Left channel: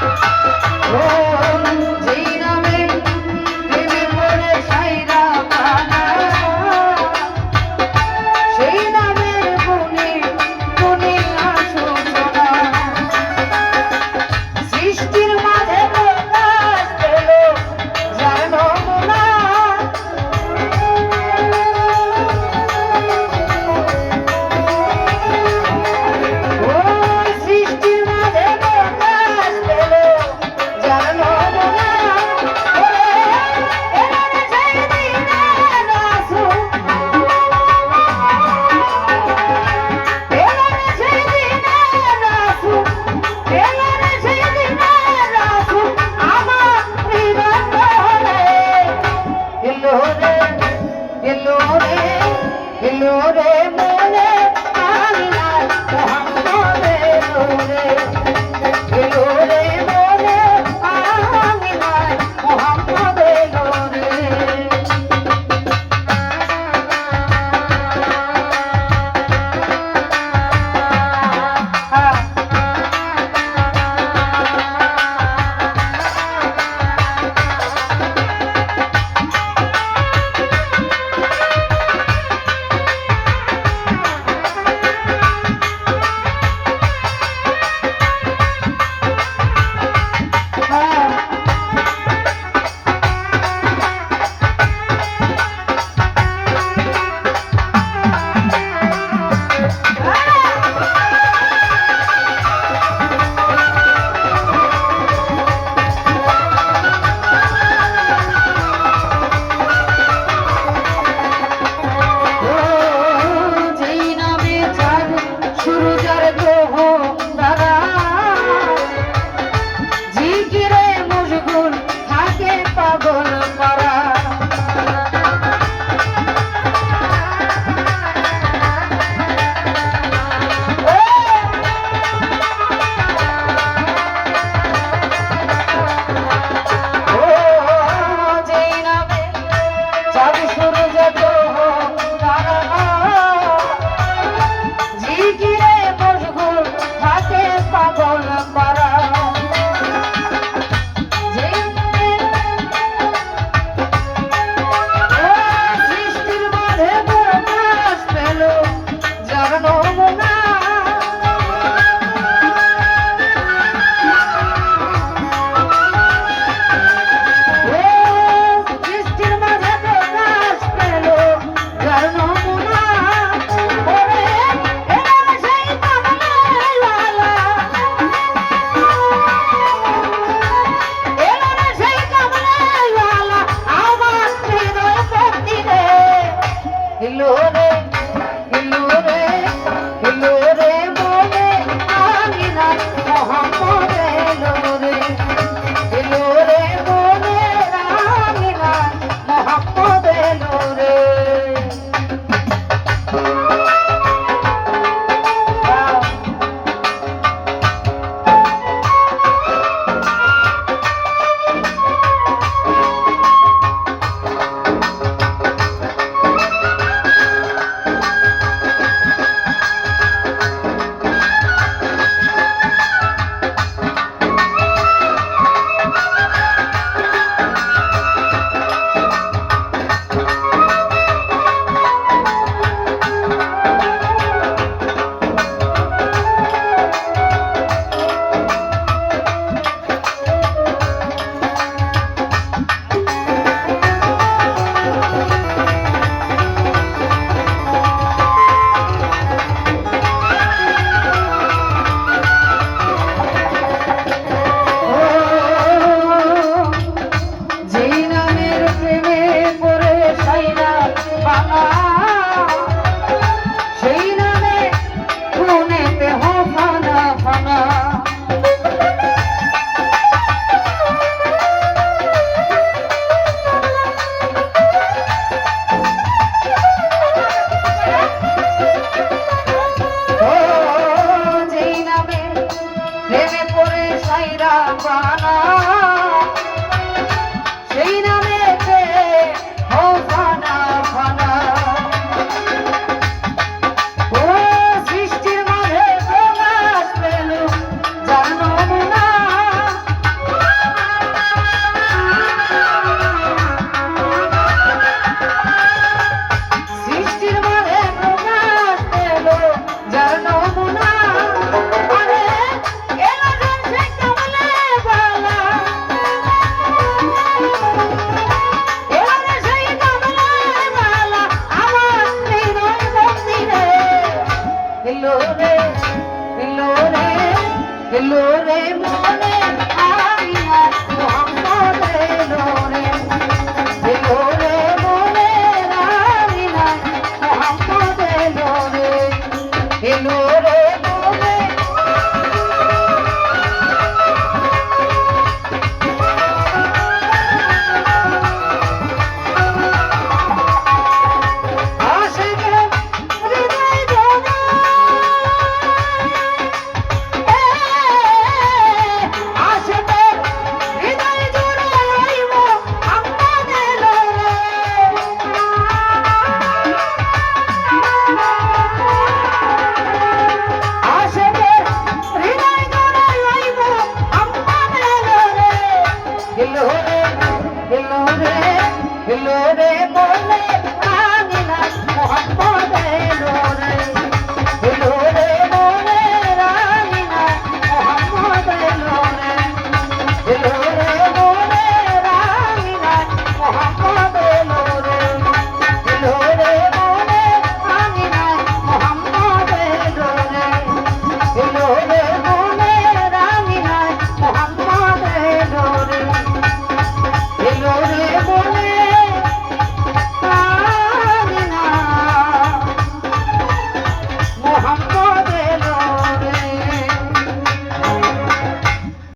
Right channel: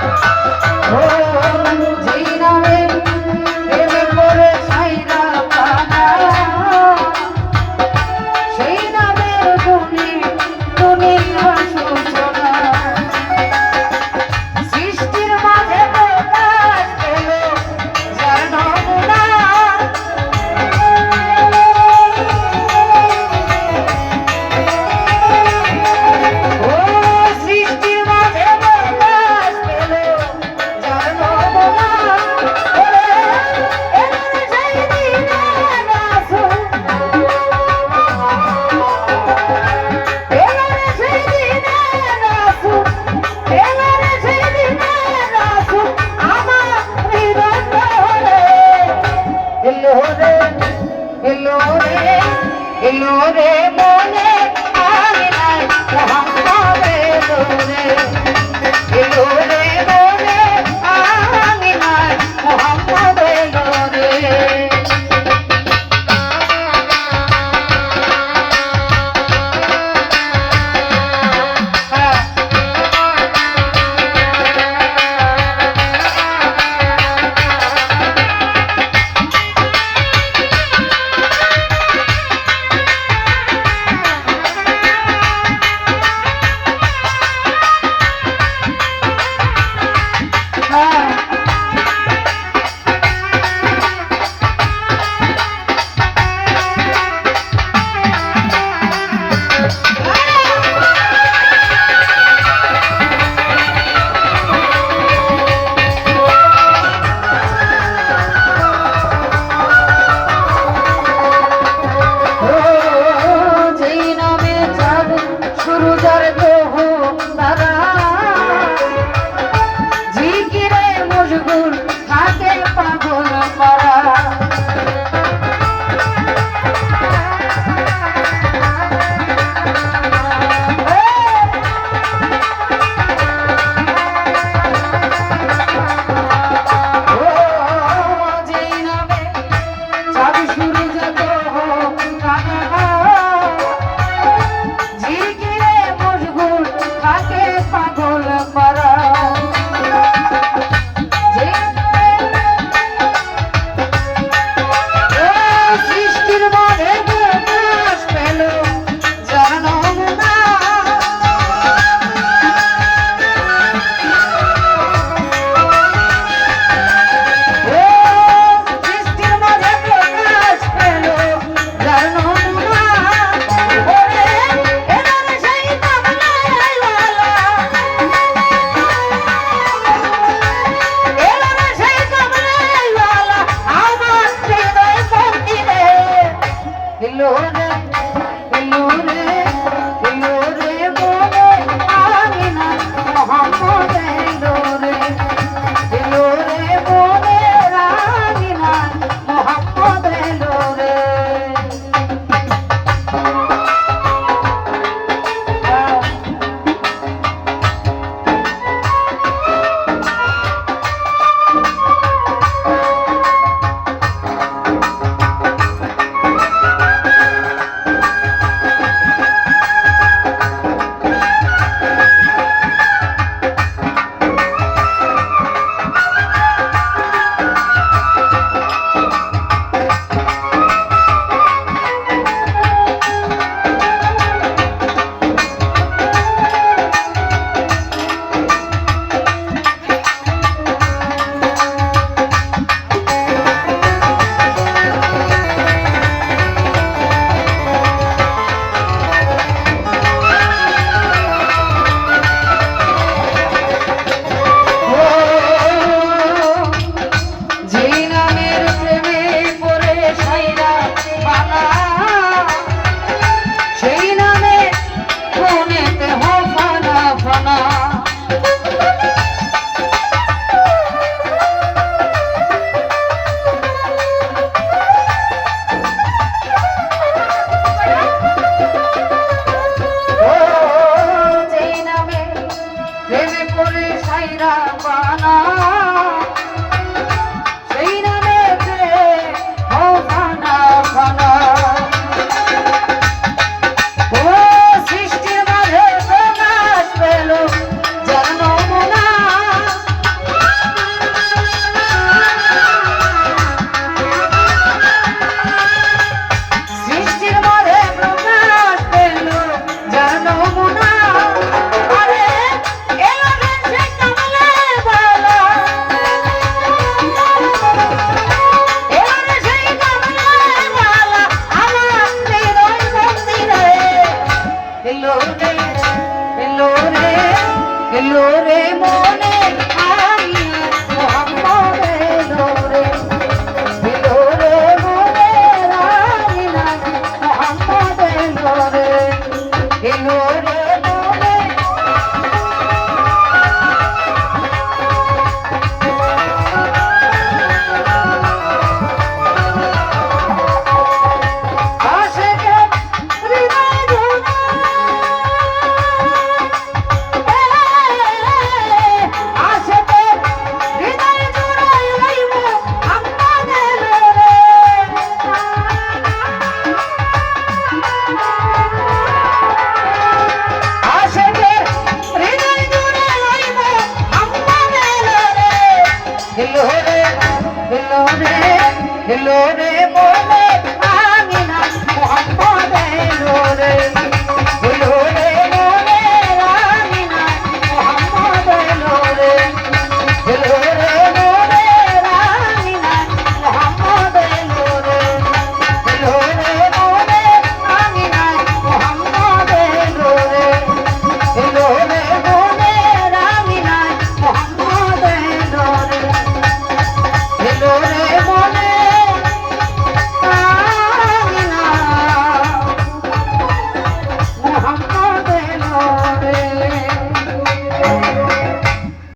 Thank you. রে মনে রে মনে আমি আইয়া মোহাম্মদ